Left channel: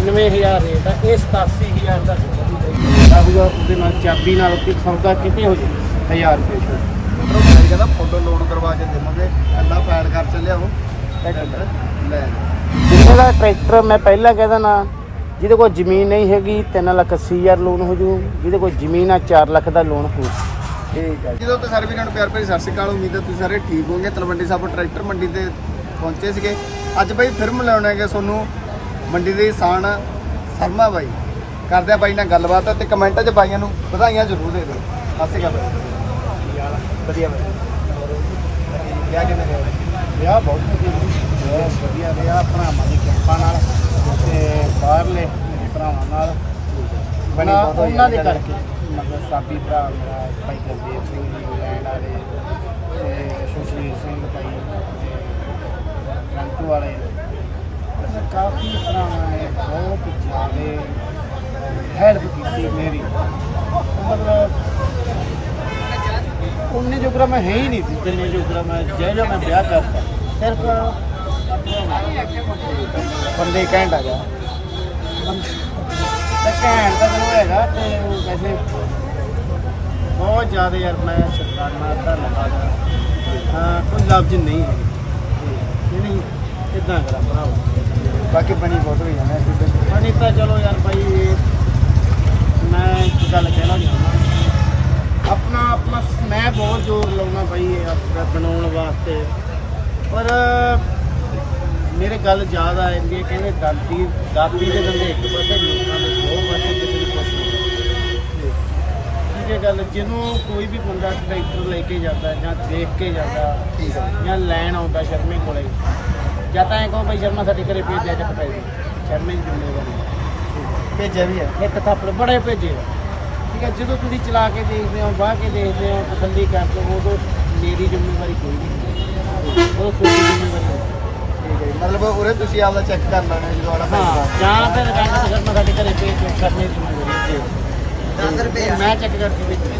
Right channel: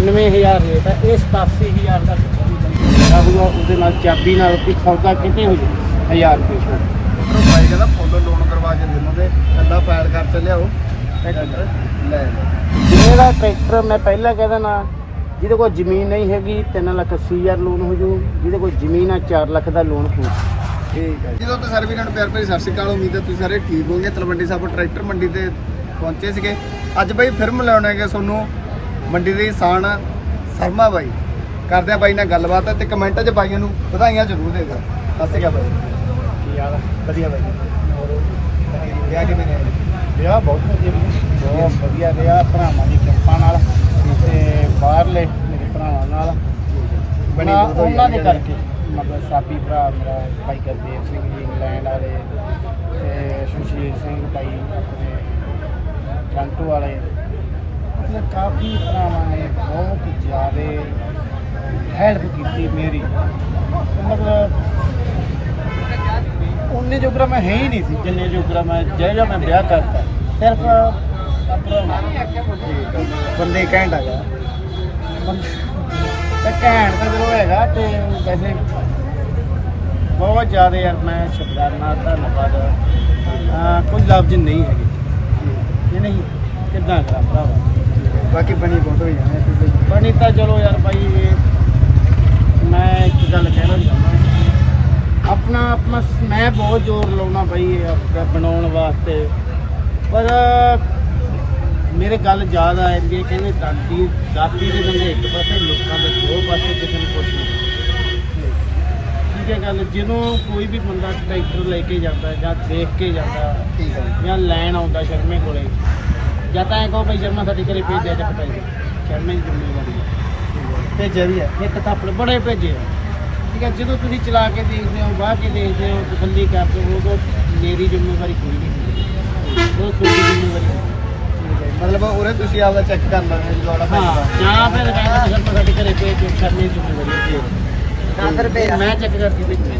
98000 rate ਹੈ ਇਹ 87000 ਦਾ ਆਹੂਗਾ ਉਹਦੇ ਨਾਲ ਚਾਬੀ ਨਾਲ ਕੋਈ ਸੌਦਾ ਕਿਤੇ ਹੋ ਜੇ 1000 ਰੁਪਏ ਛੋੜ ਭਾਈ ਕਹਿੰਦਾ ਫੋਟੋ ਲੋਨ ਕਰਵਾ ਕੇ ਦੇਵਾਂਗੇ ਕੱਲਾ ਫਾਇਲ ਖਰਚ ਲਿਆਓ ਟਰੈਕਟਰ? ਲੈ ਜਿਹੜਾ ਟਰੈਕਟਰ ਮੈਂ ਪਹਿਲਾਂ ਕਹਿੰਦਾ ਨਾ ਜਿਹਦੇ ਕੋਲ ਜ਼ਮੀਨ ਨਹੀਂ ਹੈਗੀ 3 ਲੱਖ 80 ਹਜ਼ਾਰ ਲੋਨ ਹੋ ਜੂ। ਜਿਹਦੇ ਕੋਲ ਜ਼ਮੀਨ ਆ 4 ਲੱਖ ਦਾ ਲੋਨ ਹੋ ਜਦੋਂ ਤੇ ਸਾਰੇ ਵੀਰਾਂ ਨੂੰ ਪਿਆਰ ਭਰੀ ਸਤਿ ਸ਼੍ਰੀ ਅਕਾਲ ਉਮੀਦ ਹੈ ਤੁਸੀਂ ਸਾਰੇ ਠੀਕ ਹੋਵੋਗੇ। ਤਲਵੰਡੀ ਸਾਹਿਬ ਟਰੈਕਟਰ ਮੰਡੀ ਤੇ ਪਹੁੰਚੇ ਸੀਗੇ। ਅੱਜ ਬਾਈ ਫਿਰ ਮਿਲਾਉਣੇ ਹੈਗੇ ਤੁਹਾਨੂੰ ਮੰਡੀ ਦੇ ਕਿਸਾਨ ਸ਼ਰਮਾ ਬਾਈ। ਕਰਦੇ ਆ ਬਾਈ ਨਾਲ ਗੱਲਬਾਤ ਤੇ ਕਮੈਂਟਾਂ 'ਚ ਬਾਈਆਂ ਨੂੰ ਵਧਾਈਆਂ ਜ਼ਰੂਰ ਦੇ ਦਿਓ। ਸਤਿ ਸ਼੍ਰੀ ਅਕਾਲ ਬਾਈ। ਕੀ ਹਾਲ ਵਧੀਆ ਬਾਈ। ਹੋਰ ਵਿਆਹ ਕਿਵੇਂ ਰਿਹਾ ਵਿਆਹ ਬਹੁਤ ਵਧੀਆ ਬਹੁਤ ਵਧੀਆ ਰਿਹਾ ਭਰਾਵਾਂ ਦੀ ਕਿਰਪਾ ਨਾਲ ਤੇ ਬਾਹਰਲੇ ਮੇਰੇ ਭਰਾਵਾਂ ਨਾਲ। ਬਣਾ ਉਹਨਾਂ ਦੇ ਕਰਕੇ। ਮਤਲਬ ਸਾਬੀ ਭਰਾ ਮੇਰਾ ਭਾਈ ਗੁਰਦੇਵ ਸਿੰਘ ਜੀ ਇੰਗਲੈਂਡ ਵਾਲੇ ਤੇ ਸੁਸ਼ੀਲ ਸਿੰਘ ਭਾਈ ਆਪਣੇ ਟ੍ਰਾਂਟੋ ਵਾਲੇ। ਕਾਫੀ ਭਰਾਵਾਂ ਨੇ ਬਹੁਤ ਜ਼ਿਆਦਾ ਹੈਲਪ ਕੀਤੀ ਮੇਰੀ। ਮਤਲਬ ਉਹਨੇ ਜੋਗਰਾ ਮੈਂ ਹੈ ਹੀ ਨਹੀਂ ਸੀ, ਜਿੰਨੇ ਜੋਗਰਾ ਮੈਂ, ਜਿਹੜਾ ਮੈਂ ਵਿਆਹ ਕਰਤਾ, ਸਿਰਫ ਆਪਣਾ ਬੰਦੇ ਘੈਂਟ ਆ ਗਿਆ। ਤੇ ਕਹਿਣ ਤਾਂ ਚਲੋ ਹੈਗਾ ਤੇ ਵੈਸੇ ਬਹੁਤ ਜ਼ਿਆਦਾ ਯਾਰ ਮੈਂ ਸ਼ੁਕਰਾਨਾ, ਧੰਨਵਾਦ। ਕੋਈ ਲਫ਼ਜ਼ ਨਹੀਂ ਹੈਗੇ। ਨਹੀਂ, ਕਿੱਦਾਂ ਕਰਾਂ ਭਰਾਵਾ? ਬਾਕੀ ਬਣੀ ਬਹੁਤ ਹੋਈ ਜਾਣਾ ਤੇ ਬਾਈ। ਬਣੀ ਤਾਂ ਚਲੋ ਯਾਰ ਭਾਈ ਇਹ ਮੈਂ ਇੱਕ ਗੱਲ ਕਹਿਣਾ ਚਾਹੁੰਦਾ। ਆਪਣਾ ਆਪਣਾ ਮੈਂ ਬਹੁਤ ਜ਼ੋਰ ਲਾਉਣਾ ਭਾਈ ਇਹ ਆਪਦਾ ਬਣਾਉਣ ਵਾਸਤੇ। ਪਰ ਮੇਰੇ ਗੱਲ ਜ਼ਿਆਦਾ ਆਉਂਦੀ ਹੈ ਕਹਿੰਦੇ ਦਾਦੀ ਦਾਤੀ ਦੇ ਦੰਦੇ ਇੱਕ ਪਾਸੇ ਲੋਕਾਂ ਦੇ ਦੋ ਪਾਸੇ ਕਿਸੇ ਨੂੰ ਕੁਛ ਨਹੀਂ। ਠੀਕ ਹੈ ਗੱਲ ਜਦੋਂ ਕੋਈ ਵੀ ਬੰਦਾ ਟਰੈਕਟਰ ਲੈ ਕੇ ਜਾਂਦਾ ਜਾਂ ਦੇਖ ਕੇ ਜਾਂਦਾ ਠੀਕ ਹੈ। ਜਾਂ ਲੈਣ ਆਉਂਦਾ ਸ਼ਰਮੇ ਕੋਲੇ ਜਾਂ ਤਾਂ ਐਂ ਕਹੋ ਭਾਈ ਸ਼ਰਮਾ ਸਾਡੇ ਘਰੇ ਭੇਜ ਦਿਆ ਚੱਕ ਪੈਸੇ। ਸ਼ਰਮੇ ਦੀ ਜ਼ਿੰਮੇਵਾਰੀ ਹੈ ਭੇਜਿਆ ਵੀ ਹੈ ਇੱਕ ਥਾਪੜ ਬੜੇ ਭੇਜੇ ਆ। ਠੀਕ ਹੈ ਜਦੋਂ ਤੁਸੀਂ ਚਲਾ ਕੇ ਦੇਖਦੇ ਹੋ ਵਾਹ ਕੇ ਦੇਖਦੇ ਹੋ ਤਸੱਲੀ ਕਰਦੇ ਹੋ ਉਦੋਂ ਮੇਰੀ ਜ਼ਿੰਮੇਵਾਰੀ ਕੋਈ ਨਹੀਂ ਹੁੰਦੀ। ਉਹ ਤੁਹਾਡੀ ਜ਼ਿੰਮੇਵਾਰੀ ਹੁੰਦੀ। ਠੀਕ ਹੈ ਮਤਲਬ ਉਰੇ ਤੁਸੀਂ ਆਪਦਾ ਚੈੱਕ ਕਰ ਲੈਣਾ ਜਦੋਂ ਆੜਾ ਹਾਂ ਜਾਂ ਫਿਰ ਕਹਿੰਦੇ ਤੁਸੀਂ ਸ਼ਰਮਾ ਸਾਡੇ ਘਰੇ ਭੇਜ ਦਿਓ ਦੀ ਜ਼ਿੰਮੇਵਾਰੀ ਹੈ ਤੇ ਮੈਂ ਚੈੱਕ ਕਰਕੇ ਭੇਜੂ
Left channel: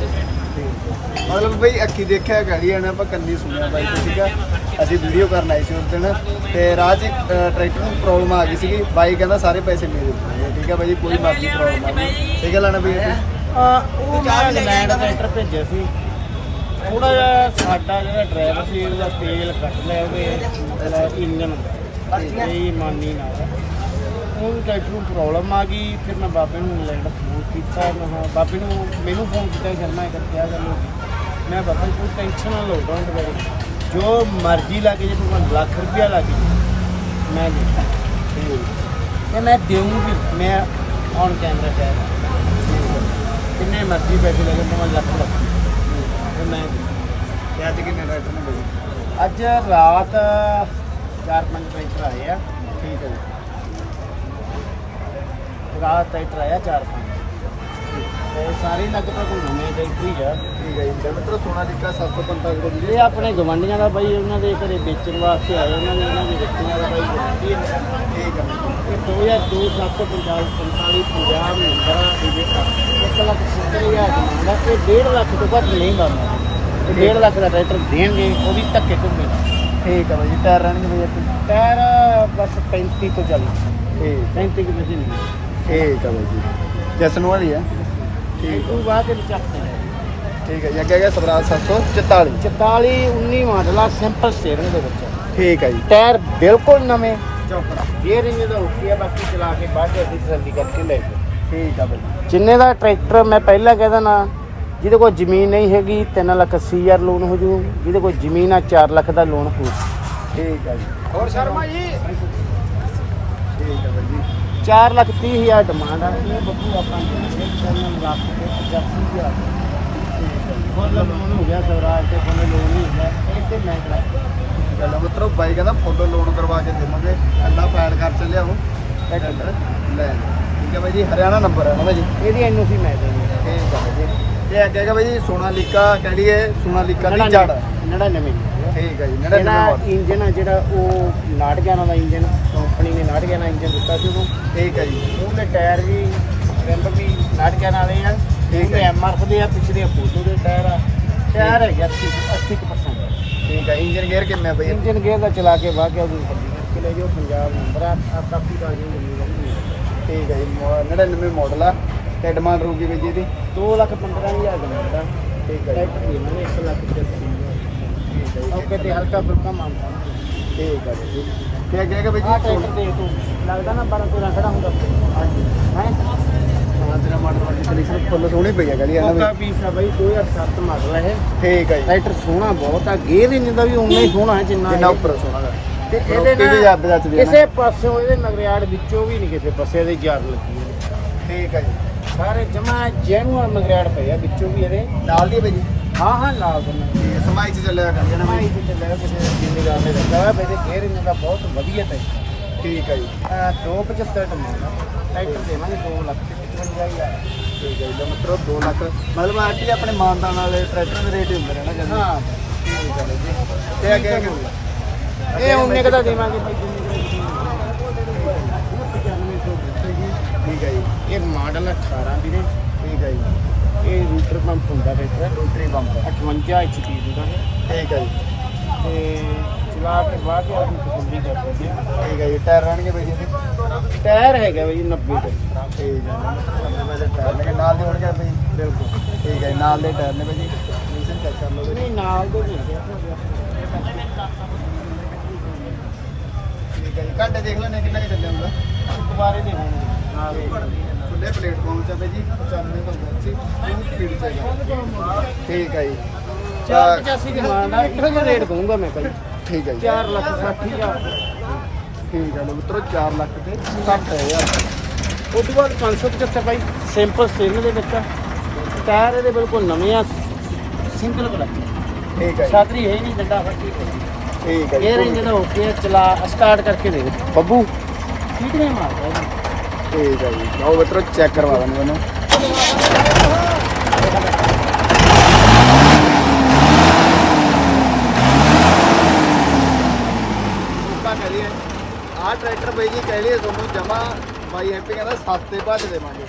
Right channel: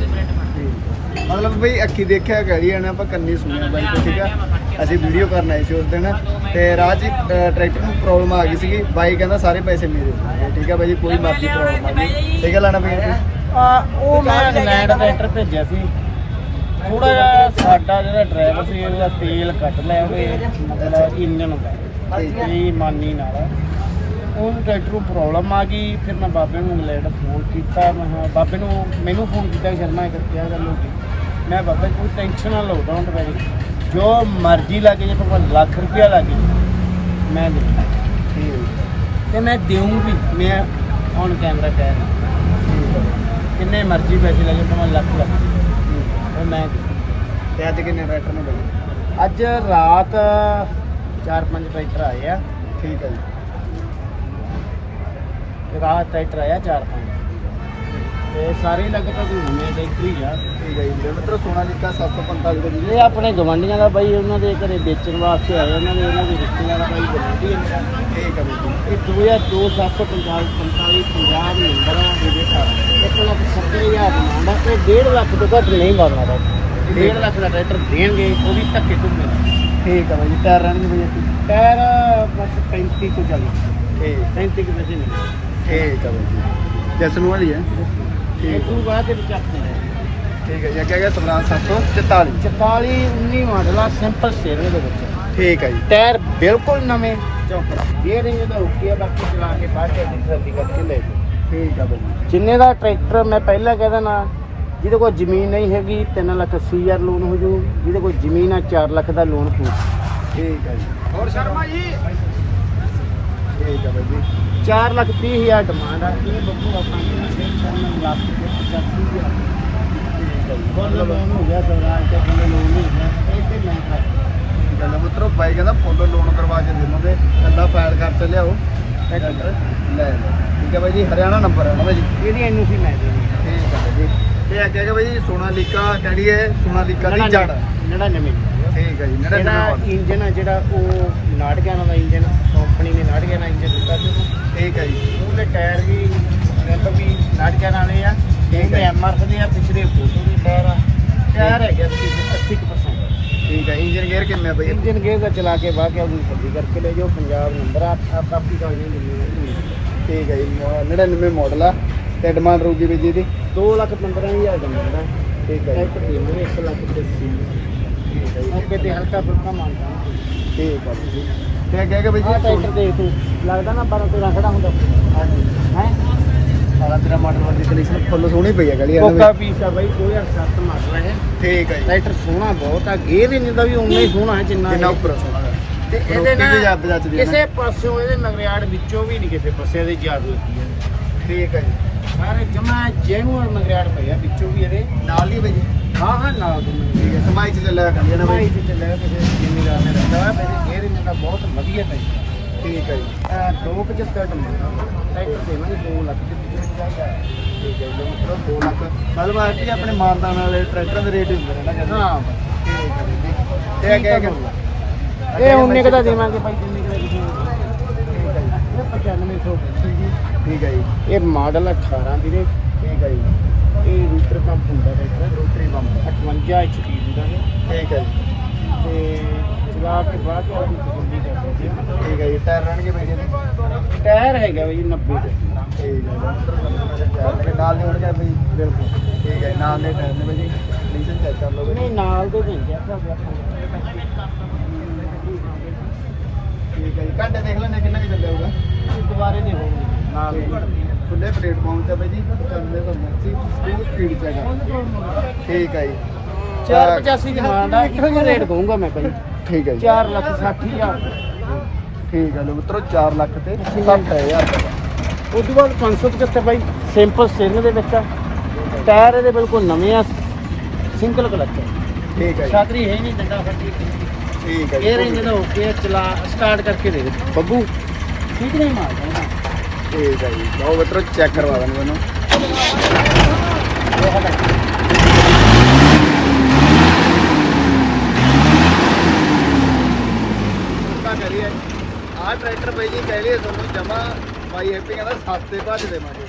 ਮਤਲਬ ਬਈ ਅੱਖੀ ਦੇਖਿਆ ਗਾੜੀ ਆਣਾ ਆਪਾਂ ਕੰਨੀ ਸੁਣਿਆ ਬਾਈ ਤੋਂ ਠੀਕ ਆ? ਅਸੀਂ ਵੀਡੀਓ ਕਰਨ ਆਏ ਸੀ ਉਸ ਦਿਨ ਤੇ ਰਾਹ 'ਚ ਟਰੈਕਟਰ ਨੂੰ ਪ੍ਰੋਬਲਮ ਆ ਗਈ ਸੀਗੀ। ਬਾਈ ਕਹਿੰਦਾ ਸਾਰੇ ਪੈਸੇ ਮੇਰੇ ਦੇਣਗੇ ਠੀਕ ਆ ਬਾਈ ਜੀ ਕੋਈ ਮਰਜ਼ੀ ਪ੍ਰੋਬਲਮ ਆ ਗਈ। ਸਹੀ ਗੱਲ ਆ ਨਾ ਬਈ? ਆ ਉਹ ਮੈਂ ਇੰਗਲੈਂਡ ਟਰੈਕਟਰ ਭੇਜਿਆ ਸੀ। ਥੋੜਾ ਜਿਹਾ ਸਾਡਾ ਜਿਹੜਾ ਡਰਾਈਵਰ ਸੀ ਉਹਦਾ ਤੇਲ ਕੱਟ ਲਿਆ ਉਹਦੇ ਮਤਲਬ ਇੰਜਨ ਦਾ ਇਹ ਮਾਨੀ ਨਾਲ। ਉਹ ਟਰੈਕਟਰ ਨੂੰ ਪ੍ਰੋਬਲਮ ਆ ਗਈ। ਫਿਰ ਮੈਂ ਬਾਬੇ ਨੂੰ ਇੰਗਲੈਂਡ ਫੋਨ ਕੀਤਾ। ਮੈਂ ਕਿਹਾ ਬਾਬੇ ਨੂੰ ਮੈਨੂੰ ਫੋਨ ਕੀਤਾ ਸ਼ਰਮਾ ਕਰਕੇ ਆ ਗੱਲ ਹੋ ਗਈ। ਮੈਂ ਬਾਬਾ ਜੀ ਕੋਈ ਟੈਨਸ਼ਨ ਨਾ ਲਓ ਡੋਂਟ ਵੈਰੀ ਜੋ ਮਰਜ਼ੀ ਲੱਗੇ ਜੇ ਭਗਵਾਨ ਲੱਖ ਰੁਪਇਆ ਲੱਗੇ ਮੈਂ ਦੇ ਤੇ ਮੈਂ ਦੇਉਂ ਵੀ ਮੈਂ ਔਨ ਕੈਮਰਾ ਕਹਿ ਰਿਹਾ। ਕਿੰਨੇ ਮਰਜ਼ੀ ਪੈਸੇ ਲੱਗੇ ਭਾਵੇਂ ਲੱਖ ਲੱਖ। ਇਹ ਮੈਂ ਤੇ ਅੱਜ ਕਿੰਨੇ ਟਰੈਕਟਰ ਨੇ ਬਾਈ? ਅੱਜ ਰਾਤ ਚਾਰ ਪੰਜ ਟਰੈਕਟਰ ਆਏ ਆ। ਠੀਕ ਹੈ ਰਾਤ ਟਰੈਕਟਰ ਆਇਆ ਚਾਰ ਪੰਜ। ਤੇ ਸਾਰੇ ਲਗਭਗ ਨਵੇਂ ਟਰੈਕਟਰ ਹੀ ਆ। ਠੀਕ ਹੈ ਜੀ ਮਤਲਬ ਸੋਨਾ ਨਿੱਕਾ 745 ਦੇ ਇਹ ਆਪਣੇ ਗਵਾਂਢੀਆਂ ਦਾ ਬਾਈ ਉਹਨਾਂ ਦੇ ਘਰੇ ਵੇਚਣ ਵਾਸਤੇ ਆਏ ਉਹਨਾਂ ਦੇ ਇਹਨਾਂ ਦੀ ਰਿਸ਼ਤੀਆਂ ਦਾ ਬਾਈ ਗਵਾਂਢੀ ਆ। ਠੀਕ ਹੈ ਜੀ ਇਹ 2002 745 45 ਪੰਜਾਬ ਨੰਬਰ ਆ ਦੇ ਦੇਖਾ 1 ਲੱਖ 70 ਹਜ਼ਾਰ ਡਿਮਾਂਡ ਆ ਇਹ 1.5 ਲੱਖ ਤੋਂ ਘੱਟ ਨਹੀਂ ਕਰਨਾ ਇਹ 1.5 ਲੱਖ ਦਾ ਟਰੈਕਟਰ ਦੇਣਗੇ ਉਹ ਵੀ ਧੱਕੇ ਘੁੰਮੇ ਠੀਕ ਹੈ ਬਾਈ ਜੀ ਟਾਇਰ ਰਹਿਣਗੇ ਬਾਈ ਇੱਥੇ? ਟਾਇਰ ਬਸ 35 ਤੋਂ ਚੱਲ। ਇਹ 35 ਕਿ ਵਜੇ ਨਹੀਂ। ਠੀਕ ਹੈ ਬਾਈ ਜੀ। ਜਸਨ ਵਾਲੀ ਆ? ਤੋਂ ਬਾਅਦ ਵਿੱਚ ਆਪਣਾ ਠੀਕ ਹੈ ਜੀ ਅੱਗੇ ਗਿਆ ਸਵਰਾਜ 744 44 19 ਮਾਡਲ ਆ ਸਿੰਪਲ ਸਟੀਅਰਿੰਗ ਦੇ ਵਿੱਚ। ਠੀਕ ਹੈ ਜੀ। ਟਾਇਰ ਬਿਲਕੁਲ ਨਵੇਂ। ਚੌਕੜਾ ਗੀਅਰਿੰਗ ਦਾ ਓਕੇ ਆ ਬਾਕੀ ਚਲਾ ਕੇ ਬਾਅਦ ਵਿੱਚ ਤਸੱਲੀ ਕਰਕੇ ਲੈ ਜਾਓ। ਠੀਕ ਹੈ ਬਾਈ। ਜੀ ਜਿੰਨੇ ਦਾ ਟਰੈਕਟਰ ਮੈਂ ਪਹਿਲਾਂ ਕਹਿੰਦਾ ਨਾ ਜਿਹਦੇ ਕੋਲ ਜ਼ਮੀਨ ਨਹੀਂ ਹੈਗੀ 3 ਲੱਖ 80 ਹਜ਼ਾਰ ਲੋਨ ਹੋ ਜੂ। ਜਿਹਦੇ ਕੋਲ ਜ਼ਮੀਨ ਆ 4 ਲੱਖ ਦਾ ਲੋਨ ਹੋ ਠੀਕ ਹੈ ਜੀ। ਹੋਰ ਸ਼ਰਮਾ ਜੀ? ਠੀਕ ਹੈ ਬਾਈ ਜੀ। 4 ਲੱਖ 30 ਹਜ਼ਾਰ ਡਿਮਾਂਡ ਆ। ਇਹ ਬੱਚੂ ਆਪਾਂ ਨੇ ਚੈਨਲ ਲੱਖ ਤੇ 85 ਹਜ਼ਾਰ ਠੀਕ ਹੈ ਜੀ ਮਤਲਬ ਲੋਨ ਹੋ ਗਿਆ ਸਵਰਾਜ ਤੇ ਕੋਲ ਲੋਨ ਹੋ ਗਿਆ 9 ਲੱਖ ਗੱਲ ਮਤਲਬ ਬਾਈ ਕਹਿੰਦਾ ਫੋਟੋ ਲੋਨ ਕਰਵਾ ਕੇ ਦੇਵਾਂਗੇ ਕੱਲਾ ਫਾਇਲ ਖਰਚ ਲਿਆਓ ਟਰੈਕਟਰ ਲੈ ਲਓ ਠੀਕ ਹੈ ਬਾਈ ਜੀ ਹਰਿਆਣਾ ਨੰਬਰ ਹੈ ਨਾ ਜੀ। ਇਹਦੀ ਐਨਓਸੀ ਮੈਂ ਦੇਣੀ ਠੀਕ ਹੈ ਜੀ। ਤੇ ਅੱਗੇ ਹੈਗਾ ਬਾਈ ਸੋਨਾਲੀਕਾ ਕਿਹੜੀ ਹੈ ਸੋਨਾਲੀਕਾ ਦੀ ਜੜ 99 ਠੀਕ ਹੈ ਜੀ ਜਿਹੜਾ 99 ਇੰਜਨ ਹੈ ਜਿਹੜਾ ਉਹ ਨਾਟਗਿਆਨਾ ਦਾ ਇੰਜਨ ਕੰਪਨੀ ਨੇ ਨਾਟਗਿਆਨਾ ਇੰਜਨ ਦਿੱਤਾ ਸੀ ਉਹ ਠੀਕ ਹੈ ਜੀ। ਉਹਦੇ ਟਾਇਰ ਵੀ ਰਿੰਬ ਵੀ ਨਾਟਗਿਆਨਾ ਵਾਲੇ ਆ ਠੀਕ ਹੈ। ਐਮਆਰਐਫ ਦੇ ਆ ਪਿਛਲੇ ਫੋਟੋ ਦੇ ਟਾਇਰ ਆ ਟਾਇਰ ਹੈਗੇ 80 80% ਠੀਕ ਹੈ ਇੰਜਨ ਗੇਅਰ ਕਿੰਨਾ ਬਾਈ ਇੰਜਨ ਗੇਅਰ ਦਾ ਚਲਾ ਕੇ ਵਾਹ ਕੇ ਉਹਦੀ ਖੱਡੀ ਕਰਕੇ ਲੈ ਜਾਓ ਪੰਜਾਬ ਨੰਬਰ ਆ ਆਪੀ ਦਾ ਇੰਜਨ ਠੀਕ ਹੈ ਜੀ 99 ਮਾਡਲ ਆ ਤੇ ਡਿਮਾਂਡ ਰਹੂਗੀ ਵੀ ਜੀ ਦੀ? 2 ਲੱਖ 15000 ਦਾ ਮਿਲਦਾ ਠੀਕ ਹੈ ਜੀ। ਟਰੈਕਟਰ ਦੇਵਾਂਗੇ 1 ਲੱਖ 80 ਠੀਕ ਹੈ ਜੀ ਔਕੇ ਤੇ ਹਲਕਾ ਫੁਲਕਾ ਮੰਨਦਾ ਠੀਕ ਹੈ ਜੀ। ਤੇ ਅੱਗੇ ਵੀ ਜੀ ਟਰੈਕਟਰ ਦੇਖ ਤੂੰ ਲੱਗਦਾ ਨਾ 12 13 ਖੜਾ ਹੁੰਦਾ। ਹਾਂਜੀ। ਹੈ? ਸਾਲਾ ਤੇਰਾ ਮਾਡਲ ਦੀ ਕੰਡੀਸ਼ਨ ਫੁੱਲ ਸੋਹਣੀ ਪਈ ਹੈ ਗਲੀ ਕੋਕਾ ਪੀਸ ਆ ਬਾਈ 2007 ਮਾਡਲ ਹੈ ਠੀਕ ਹੈ ਜੀ। ਟਰੈਕਟਰ ਸੋਹਣਾ ਬਹੁਤ ਆ ਗੇਅਰ ਇੰਜਨ ਦਾ ਵੀ ਉਨਾ ਹੀ ਸੋਹਣਾ ਹੈ ਜਿੰਨਾ ਜਿੰਨਾ ਉੱਪਰ ਸੋਹਣਾ ਹੈ। ਤੇ ਪਰ ਇਹਦੇ ਉੱਤੇ ਨਾਲ ਵੀ ਜੱਬ ਜੱਜ ਦੀ ਹੈ ਨਾ। ਕਿਸੇ ਪਾਸੋਂ ਇਹਦੇ ਮਗਰਿਆੜ ਵਿੱਚੋਂ ਵੀ ਨਹੀਂ ਕਿਸੇ ਪਾਸੇ ਇਹਦੇ ਜਾਬ ਲੱਗੀ ਹੈ ਠੀਕ ਹੈ ਜੀ। ਸਾਰੇ ਜਮਾ ਜੈਨੂਅਲ ਮਗਰਿਆੜ ਪਏ ਆ ਵਿੱਚੋਂ ਵੀ ਇਹਦੇ। ਨਾਲ ਦੀ ਭਾਈ ਹਾਂ ਹਾਂ ਨਾਲ ਦੇ ਮਗਰ ਠੀਕ ਹੈ ਸਮਾਈ ਚ ਚੱਲਿਆ ਕਰਦੀ ਹੈ ਨਾ। ਭਾਈ ਦਾ ਠੀਕ ਹੈ ਜੀ। ਆ 275 ਟਰੈਕਟਰ ਦੇ। ਮੈਂ 2 ਲੱਖ 55000 ਠੀਕ ਹੈ ਜੀ ਮਤਲਬ 2 ਲੱਖ ਮਤਲਬ ਆ ਕਿ ਆਪਣੇ ਮਾਨਦਾਨ ਵਾਲੇ ਟਰੈਕਟਰਾਂ ਦੇ ਰੇਟ ਹੀ ਹੁੰਦੇ ਨੇ। ਨਾ ਹਾਂ ਭਾਈ ਠੀਕ ਹੈ ਜੀ ਤੇ ਅੱਗੇ ਅੱਗੇ ਇਹ ਉਨੇ ਕੁ ਦੇਵਾਂਗੇ ਭਾਈ ਜਿੰਨੇ ਕੁ ਦਾ ਦੇਵਾਂਗੇ ਇਹ 9500 ਠੀਕ ਹੈ ਜੀ ਇਹ ਮਾਡਲ 18 ਵੀਰੇ ਠੀਕ ਹੈ। ਜੀ ਇਹ ਰੂਟਰ ਪੰਪ ਹੁੰਦਾ ਟਰੈਕਟਰ ਰੂਟਰ ਪੰਪ 58 HP ਦਾ ਠੀਕ ਹੈ। ਜੀ ਤੇ ਚਲਾ ਕੇ ਬਾਅਦ ਆਪਣੀ ਤਸੱਲੀ ਕਰਦੇ ਠੀਕ ਹੈ ਜੀ, ਟਾਇਰ ਰਹਿਣਗੇ ਭਾਈ ਜੀ। ਟਾਇਰ ਹੈਗਾ ਬਈ 90 ਦਾ। ਠੀਕ ਹੈ ਜੀ ਮਤਲਬ ਮੈਂ ਟਾਇਰ ਨਾਲ ਦੇ ਹੋਣਗੇ ਭਾਈ ਬਿਲਕੁਲ। ਠੀਕ ਹੈ ਨਾਲ ਦੇ ਟਾਇਰ ਨੇ ਭਾਈ ਜੀ? ਨਹੀਂ ਨਾਲ ਦੇ ਆਪਾਂ ਠੀਕ ਹੈ ਜੀ ਘੰਟੇ ਦੇਖ ਲੈਣੇ ਕਿੰਨਾ ਕੁ ਚੱਲਿਆ ਹੋਊਗਾ। ਦੁਬਾਰੇ ਦੇ ਹੋਣਗੇ ਨਾਲ ਦੇ ਖੁੱਲੇ ਪਲੇਟਫਾਰਮ ਤੇ ਭਾਈ ਜੀ 95 ਤੋਂ 80 ਫੁੱਲ ਸਪੀਡ ਤੇ ਹੈਗਾ ਠੀਕ ਹੈ ਜੀ। 485 ਦੀ ਮਾਂ ਦਾ ਇੱਕੋ ਰੇਟ ਕਹੂੰਗਾ ਮੈਂ ਕਹਿੰਦਾ ਠੀਕ ਹੈ ਜੀ। 4 ਲੱਖ 60 ਹਜ਼ਾਰ। ਠੀਕ ਹੈ ਮਿੱਤਰੋ 4 ਲੱਖ ਤੇ 60000 ਰੁਪਏ ਉਸ ਤੋਂ ਬਾਅਦ 575 ਬਾਈ ਸਿੰਪਲ ਸਟੇਨ ਦੇ ਆ। ਟਾਇਰ ਇਹਦੇ ਬਿਲਕੁਲ ਨਵੇਂ ਆ ਸਿੰਗਲ ਕਲਚ ਠੀਕ ਹੈ ਛਾਤਰੀ ਹੈ ਨਹੀਂ ਠੀਕ ਹੈ ਇਹ ਕੇ ਚਲਾ ਸਟਾਰਟ ਕਰਕੇ ਦੇ ਬੱਬੂ? ਠੀਕ ਨਹੀਂ ਮਾਰਦਾ। ਠੀਕ ਹੈ ਜੀ। ਲਓ ਮਿੱਤਰੋ ਚੈੱਕ ਕਰਵਾ ਲੈਣ ਮੈਨੂੰ ਕਿਰਪਾ ਕਰੀਏ ਆਹ ਟਰੈਕਟਰ ਬਾਈ ਜੀ ਕਹਿ ਰਹੇ ਤੁਹਾਨੂੰ ਜਮਾ ਬਾਈ ਹੈਪੀ ਕਹਿੰਦਾ ਸਸਤੇ ਭਾਅ 'ਚ ਦੇਵਾਂਗੇ।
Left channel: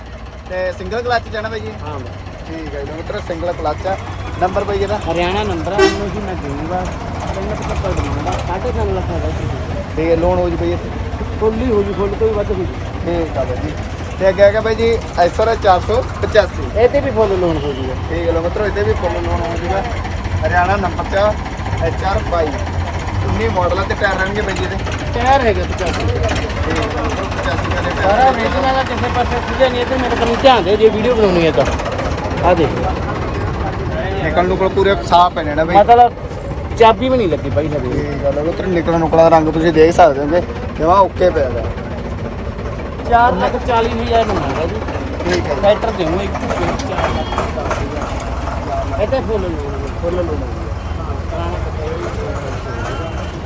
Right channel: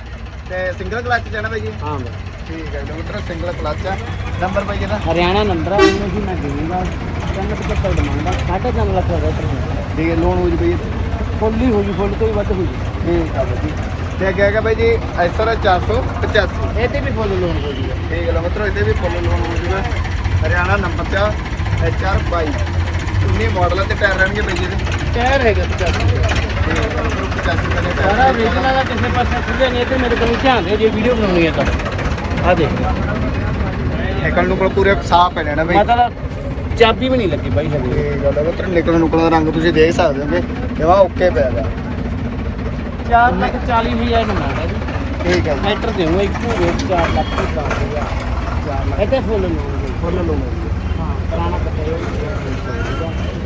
ਤੇ ਸਿੰਗਲ ਕਲੱਚ ਜਾਣਾ ਬਾਈ ਜੀ? ਹਾਂ ਬਾਈ। ਠੀਕ ਹੈ ਜੀ ਮਿੱਤਰੋ ਸਿੰਗਲ ਕਲੱਚ ਆ। ਨੰਬਰ ਬਾਈ ਇਹਦਾ? ਹਰਿਆਣਾ ਨੰਬਰ ਆ ਉਹਨੂੰ ਵੀ ਮੈਂ ਦੇਵਾਂਗਾ। ਤੁਹਾਨੂੰ ਕਿਤੇ ਪੜ ਦੂੰਗਾ ਸਾਢੇ ਤਿੰਨ ਲੱਖ ਦਾ ਟਰੈਕਟਰ ਠੀਕ ਹੈ ਲੋਨ ਹੋ ਜੀ ਬਾਈ ਇੱਥੇ। ਫੁੱਲੀ ਹੋ ਜੂ ਫੁੱਲ ਤੋਂ ਵੀ ਵੱਧ ਹੋ ਜੂ ਠੀਕ ਹੈ ਬਾਈ ਜੀ। ਤੇ ਅੱਗੇ ਹੈਗਾ ਬਾਈ ਜੀ ਐਸਆਰ 485 ਇਹਦੇ ਵੀ ਫੁੱਲ ਲੋਨ ਹੋ ਜੂਗਾ ਠੀਕ ਹੈ ਲੋ ਮਿੱਤਰੋ ਇੱਥੇ ਵੀ ਫੁੱਲ ਲੋਨ ਹੋ ਜੂਗਾ। ਹਰਿਆਣਾ ਨੰਬਰ 'ਚ ਐਚਆਰ 22 19 ਮਾਡਲਾਂ ਤੇ ਟਾਇਰ ਰਹਿਣਗੇ ਬਾਈ ਇਹਦੇ ਟਾਇਰ ਹੈਗਾ 85 ਠੀਕ ਹੈ ਮਿੱਤਰੋ 85 ਵਾਲੇ ਟਾਇਰ ਸਾਰਾ ਓਰੀਜਨਲ ਆ ਕਿਸੇ ਪਾਸੇ ਖੁੱਲੇ ਨਹੀਂ ਤੇ ਮੇਰੇ ਕੋਲ ਧਿਆਨ ਦੇ ਜੇ ਵੀਡੀਓ ਬਣਾਉਣੀ ਹੈ ਤਾਂ। ਆ ਦੇਖ। ਨਿਕਲ ਨੂੰ ਕੋਲ ਪੂਰੇ ਸਾਫ਼ ਹੈ ਨਾ ਬਾਈ। ਮਤਲਬ ਚਾਬੀ ਵੀ ਨਹੀਂ ਲੱਗੀ ਬਾਈ ਹਜੇ। ਇਹ ਗੱਲ ਹੈ ਮਿੱਤਰੋ ਨਿਕਲ ਨੂੰ ਕੋਲ ਰੰਗ ਤੁਸੀਂ ਦੇਖ ਸਕਦੇ ਹੋਗੇ। ਜਮਾ ਓਕੇ ਪਿਆ ਹੈਗਾ 4 ਲੱਖ 40 ਹਜ਼ਾਰ ਦਾ ਮਿਲਦਾ ਜੀ। ਠੀਕ ਹੈ ਜੀ। ਟਰੈਕਟਰ ਦੇਵਾਂ ਇੱਕੋ ਰੇਟ 4 ਲੱਖ। ਇਹਦੇ ਫੁੱਲ ਲੋਨ ਫੁੱਲ ਹਾਂ ਪੁਰਾਣਾ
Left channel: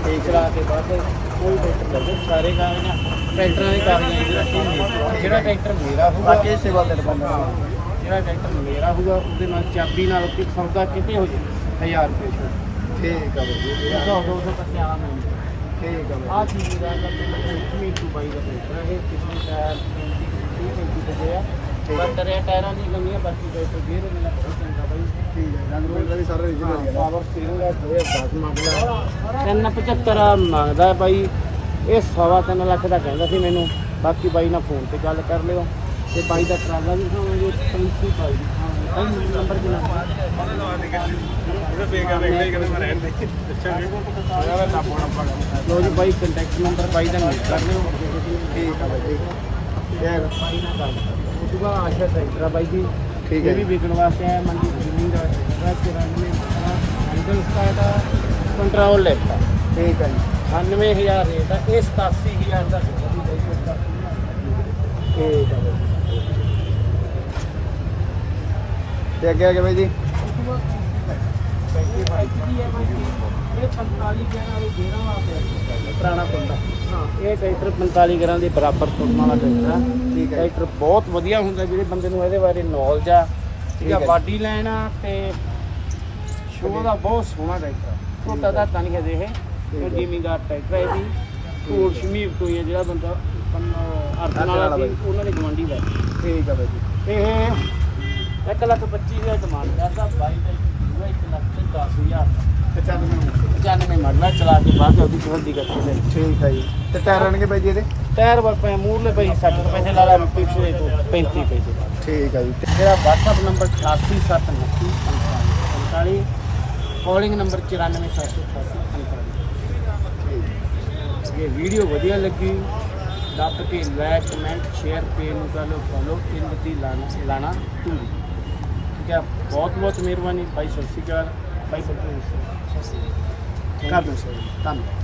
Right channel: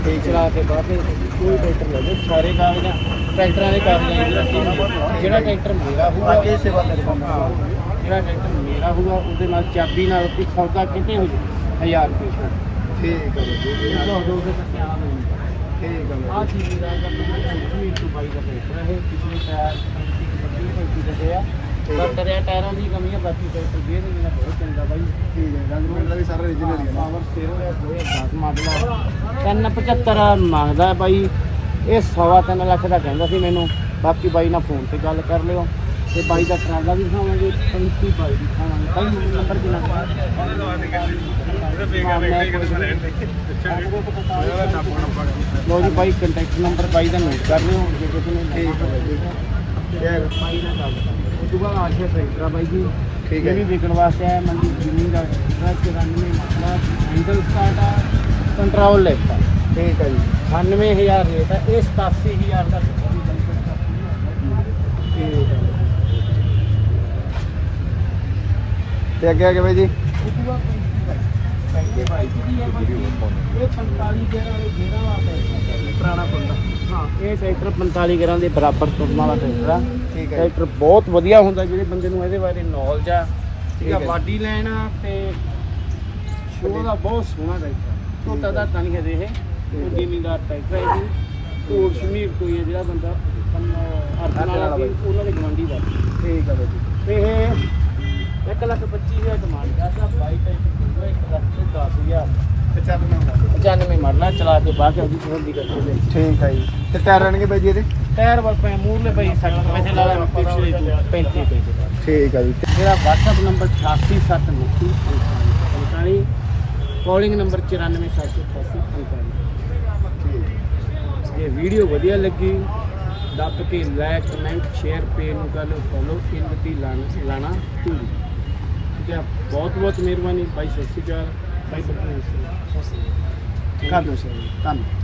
ਠੀਕ ਚਲਾ ਕੇ ਬਾਅਦ ਚ ਕੋਈ ਟਰੈਕਟਰ ਲੈ ਜੇ ਸਾਰੇ ਕਾਗਜ਼ ਟਰੈਕਟਰਾਂ ਦੇ ਕਾਗਜ਼ਾਂ ਦੀ ਗਾਰੰਟੀ ਹੁੰਦੀ ਜਿਹੜਾ ਟਰੈਕਟਰ ਮੇਰਾ ਹੋਊਗਾ ਬਾਕੀ ਸੇਵਾ ਤੇ ਡਿਪੈਂਡ ਹਾਂ, ਜਿਹੜਾ ਟਰੈਕਟਰ ਮੇਰਾ ਹੋਊਗਾ ਉਹਦੇ ਨਾਲ ਚਾਬੀ ਨਾਲ ਕੋਈ ਸੌਦਾ ਕਿਤੇ ਹੋ ਜੇ 1000 ਰੁਪਏ ਛੋਟ ਠੀਕ ਬਾਈ ਜੀ ਦੋ ਦੋ ਦੋ ਕੱਟੇ ਆਣਾ ਮੈਨੂੰ ਠੀਕ ਆ ਬਾਈ ਚੀਜ਼ ਦਾ ਕੰਪਨੀ ਟੂ ਬਾਈ ਦਾ ਟਰੈਕਟਰ ਹੈ ਪਿਛਲੀ ਟਾਇਰ 20 ਦੇ ਟਾਇਰਾਂ ਦੀ ਕਮੀ ਹੈ ਬਾਕੀ ਟਰੈਕਟਰ ਗੇਅਰ ਮੇਰਾ ਬਹੁਤ ਚੰਗਾ ਬਾਈ। ਠੀਕ ਹੈ ਰੰਗ ਰੂਪ ਦਾ ਵੀ ਸਾਰਾ ਰੀਜਨਲ ਹੈ ਪਾਵਰ ਸਟੀਅਰਿੰਗ ਹੈ। 2010 ਮਾਡਲ 375 ਮੰਗਦਾ ਹੈ ਬਾਈ। ਇਹ ਸਵਾ ਤਿੰਨ ਲੱਖ ਦਾ ਕਹਿੰਦਾ ਸੀ ਮੈਨੂੰ। ਬਾਕੀ ਬਾਈ ਨਾਲ ਫੋਨ ਤੇ ਗੱਲ ਕਰ ਲਿਓ। ਤੇ ਬਾਈ ਦਾ ਟਰਾਲਾ ਵੀ ਖਾਵਾਂਗੇ 35 ਬਾਈ ਦੀ ਖਾਵਾਂਗੇ ਬਾਈ ਨੰਬਰ ਕਿੰਨਾ ਲੋ ਜੀ ਬਾਈ ਕੰਟੈਕਟ ਨੰਬਰ ਬਾਈ ਦਾ ਨੋਟ ਕਰ ਲਿਓ। ਜੀ ਬਾਈ ਗੱਲ ਕਰ ਤੋਂ ਬਾਅਦ ਆਸ਼ਾ ਟਰੈਕਟਰ ਆ ਬਾਈ ਜੀ। ਠੀਕ ਹੈ। ਵੀ ਵਿਕਣ ਵਾਸਤੇ ਹੈ ਮੰਡੀ ਜ਼ਮੀਨ ਦਾ। ਰਸਤੇ ਰਾਮਨੇ ਮਸਲਾ ਹੈਂਡਲ ਸਟਾਰਟ ਆ ਕੰਟਰੋਲ ਲੈਤਾ ਠੀਕ ਹੈ ਜੀ। 98000 ਰੇਟ ਆ ਇਹ 87000 ਦਾ। ਤੇ ਅੱਗੇ ਅੱਗੇ ਬਾਈ ਜੀ। ਉਹ ਤੋਂ ਬਾਅਦ ਪੈਕੇ ਬਾਈ ਜੀ। ਇਹ 45 ਗੇਰਾਂ ਵਾਲੇ ਗੇਰਾਂ ਵਾਲਾ ਪੁਰਾਣਾ ਹਾਂ ਇਹ ਟਰੈਕਟਰ 45 ਗੇਰਾਂ ਦੇ ਬਰਾਬਰ ਤੁਰਨ ਵਾਲਾ ਟਰੈਕਟਰ ਆ। ਠੀਕ ਹੈ ਟਰੈਕਟਰ ਬਹੁਤ ਵਧੀਆ ਹੁੰਦਾ ਜਿਹੜੇ ਬੰਦੇ ਨੂੰ ਇਹਦੇ ਬਾਰੇ ਨੌਲੇਜ ਆ। ਠੀਕ ਹੈ। ਬਾਡੀ ਲੈਣ ਆ ਤੇ ਸ਼ੋਅ ਦਾ ਬਹੁਤ ਸੋਹਣਾ ਟਰੈਕਟਰ ਛੋਟਾ ਦਾ ਤਾਂ ਨਹੀਂ ਕਹਦੇ ਇਹ। ਇਹ ਜ਼ਿਮੀਂਦਾਰ ਟਰੈਕਟਰ ਹੈ ਜੀ ਕੋਲ ਸ਼ਮੀਰ ਤੋਂ ਹੀ ਜਿਹੜਾ ਬੰਦਾ ਅਰਜਨ ਵਾਲਾ ਸੀ ਉਹਨਾਂ ਦੇ ਗਵਾਂਢੀ ਦਾ। ਠੀਕ ਹੈ ਬਾਈ ਜੀ। ਇਹ 1 ਲੱਖ 25 ਹਜ਼ਾਰ ਡਿਮਾਂਡ ਕਰਦਾ ਬਾਈ ਬਾਈ 1 ਲੱਖ 10 ਹਜ਼ਾਰ। 95 ਮਾਡਲ 95 ਮਾਡਲ ਆ, ਚਲਾ ਕੇ ਬਾਅਦ ਉਹਦੀ ਤਸੱਲੀ ਕਰਕੇ ਲਈ ਠੀਕ ਹੈ ਜੀ। ਤੇ ਟਾਇਰ ਰਹਿਣਗੇ ਬਾਈ ਜੀ ਇਹਦੇ? ਟਾਇਰ ਵਰ ਪਏ ਮੂਰਲੇ ਪਏ 60 ਪੈਸੇ ਲਾ ਲਾ ਪਿਛਲੇ ਤੋਂ 35 ਪੈਸੇ ਠੀਕ ਹੈ ਜੀ। ਮੇਰਾ WhatsApp ਨੰਬਰ 887945 ਕਾਲਿੰਗ ਨੰਬਰ 94788 ਠੀਕ ਇਹ ਵੀਡੀਓ ਵਧੀਆ ਲੱਗੀ ਦੱਬ ਕੇ ਲਾਈਕ ਕਮੈਂਟ ਸ਼ੇਅਰ ਪੇਜ ਨੂੰ ਕਰ ਲਓ ਫੋਲੋ ਇਨਵਤੀ ਲਾਣਾ ਲਾਣਾ ਧੂਰੀ ਠੀਕ ਹੈ ਬਹੁਤ ਬਹੁਤ ਮਿਹਰਬਾਨੀ ਭਾਈ ਸਤਿ ਸ਼੍ਰੀ ਅਕਾਲ। ਭਾਈ ਸਤਿ ਸ਼੍ਰੀ ਅਕਾਲ। ਕਰ ਦਿਓ ਸ਼ੇਅਰ ਧੰਨਵਾਦ।